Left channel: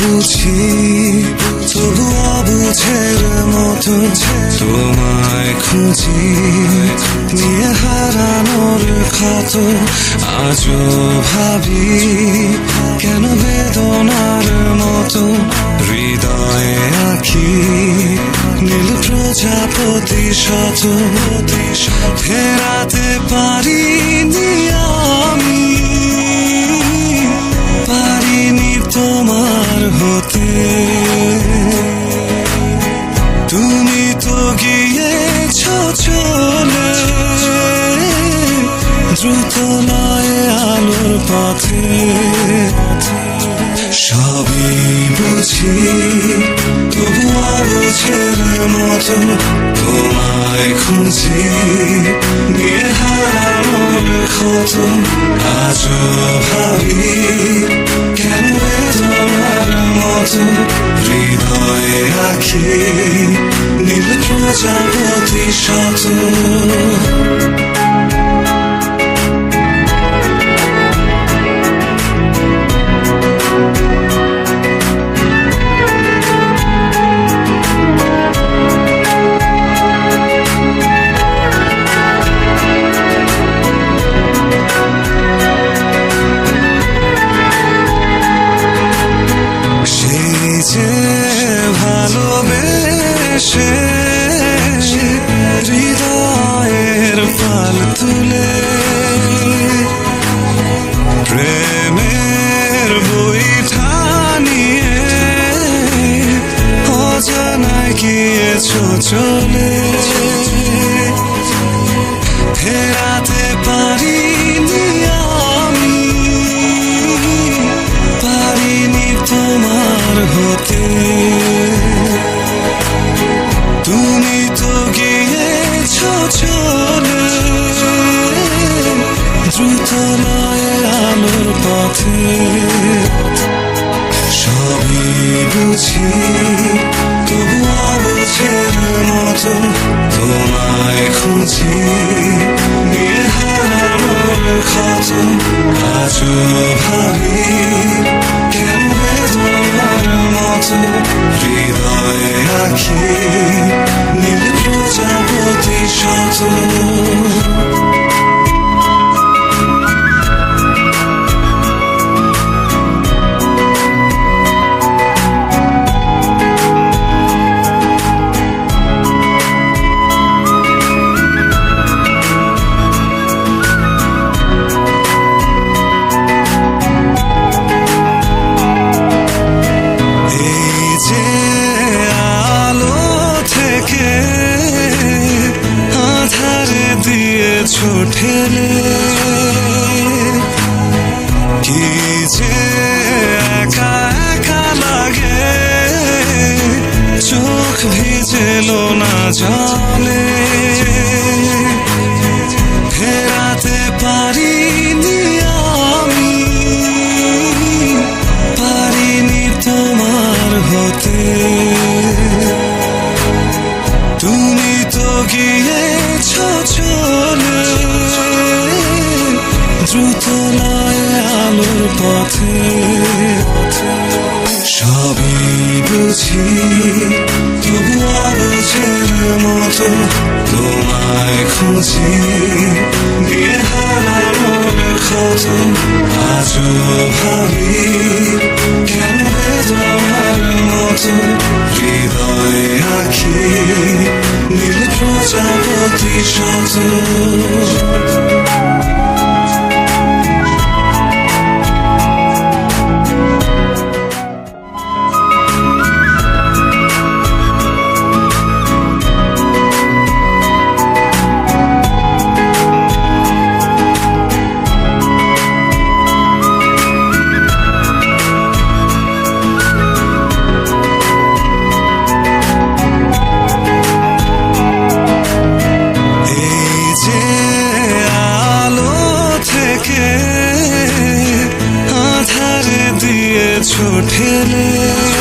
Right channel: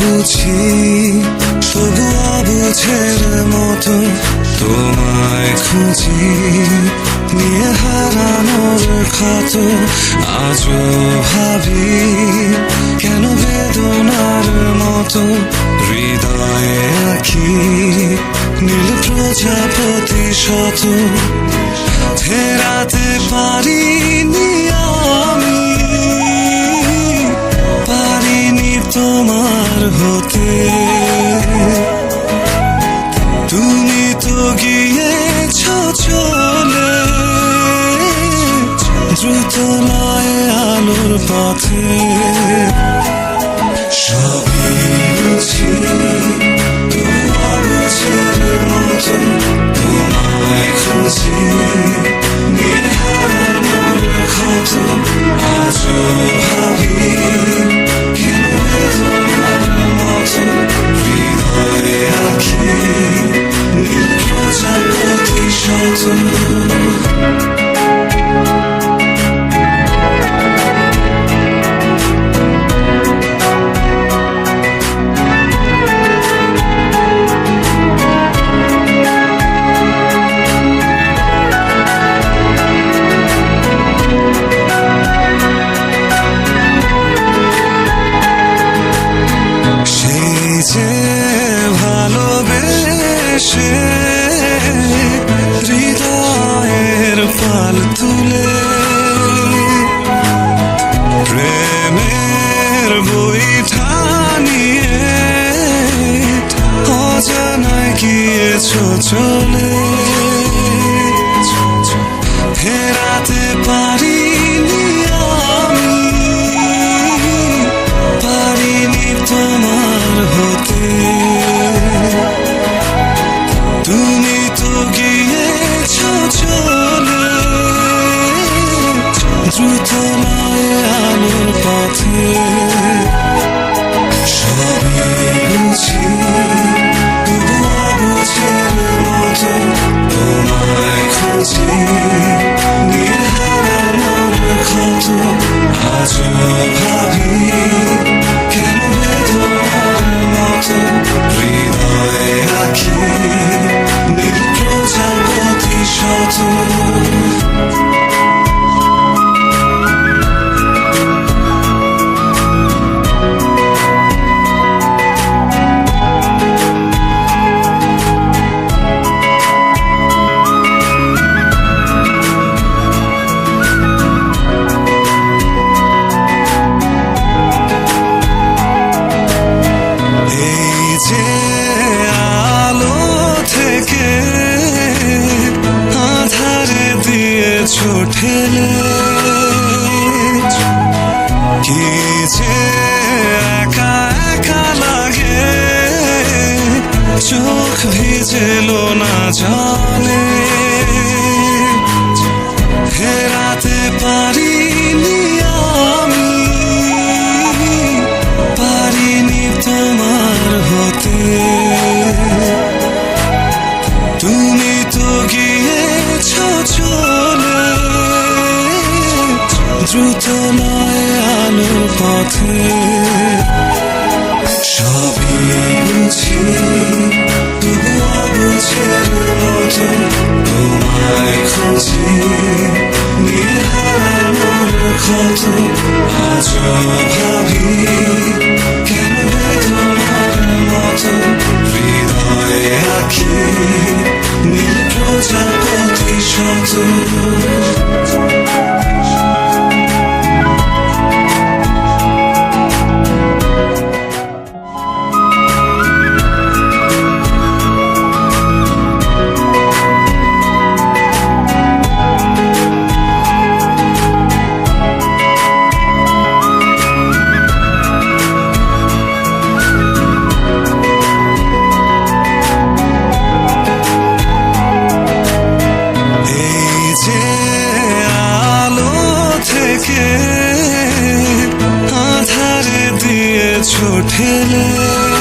বুঝি তবু অবুঝের মতো তোমায় খুঁজি, নিয়ে হারানোর ক্ষত আজও ভাবি, কেন বেদনার মতো হৃদয়ে আঁকি নীল প্রজাপতি শত, ফেরাতে পারিনি আমি, পারিনি তোমার হতে। তুমি তো গিয়েছ চলে দ্রুত লয়ে আলোর পথে। সবই বুঝি তবু অবুঝের মতো তোমায় খুঁজি, নীল হারানোর ক্ষত আজও ভাবি, কেন বেদনার মতো হৃদয়ে আঁকি নীল প্রজাপতি শত। যে ভালোবেসে হৃদয়ের পাল তুলে প্রেমের বইটা নিয়ে অজানায় গিয়েছ চলে, ফেরাতে পারিনি আমি, পারিনি তোমার হতে। তুমি তো গিয়েছ চলে দ্রুত লয়ে আলোর পথে। সবই বুঝি তবু অবুঝের মতো তোমায় খুঁজি, নীল হারানোর ক্ষত আজও ভাবি, কেন বেদনার মতো হৃদয়ে আঁকি নীল প্রজাপতি শত। যে আলো থেকে আধারে দিয়েছ ঠেলে, কি যে একা একা লাগে চোখ ভিজেলো না জলে, ফেরাতে পারিনি আমি, পারিনি তোমার হতে। তুমি তো গিয়েছ চলে দ্রুত লয়ে আলোর পথে। সবই বুঝি তবু অবুঝের মতো তোমায় খুঁজি, নীল হারানোর ক্ষত আজও ভাবি, কেন বেদনার মতো হৃদয়ে আঁকি নীল প্রজাপতি শত। দিয়েছো ঠেলে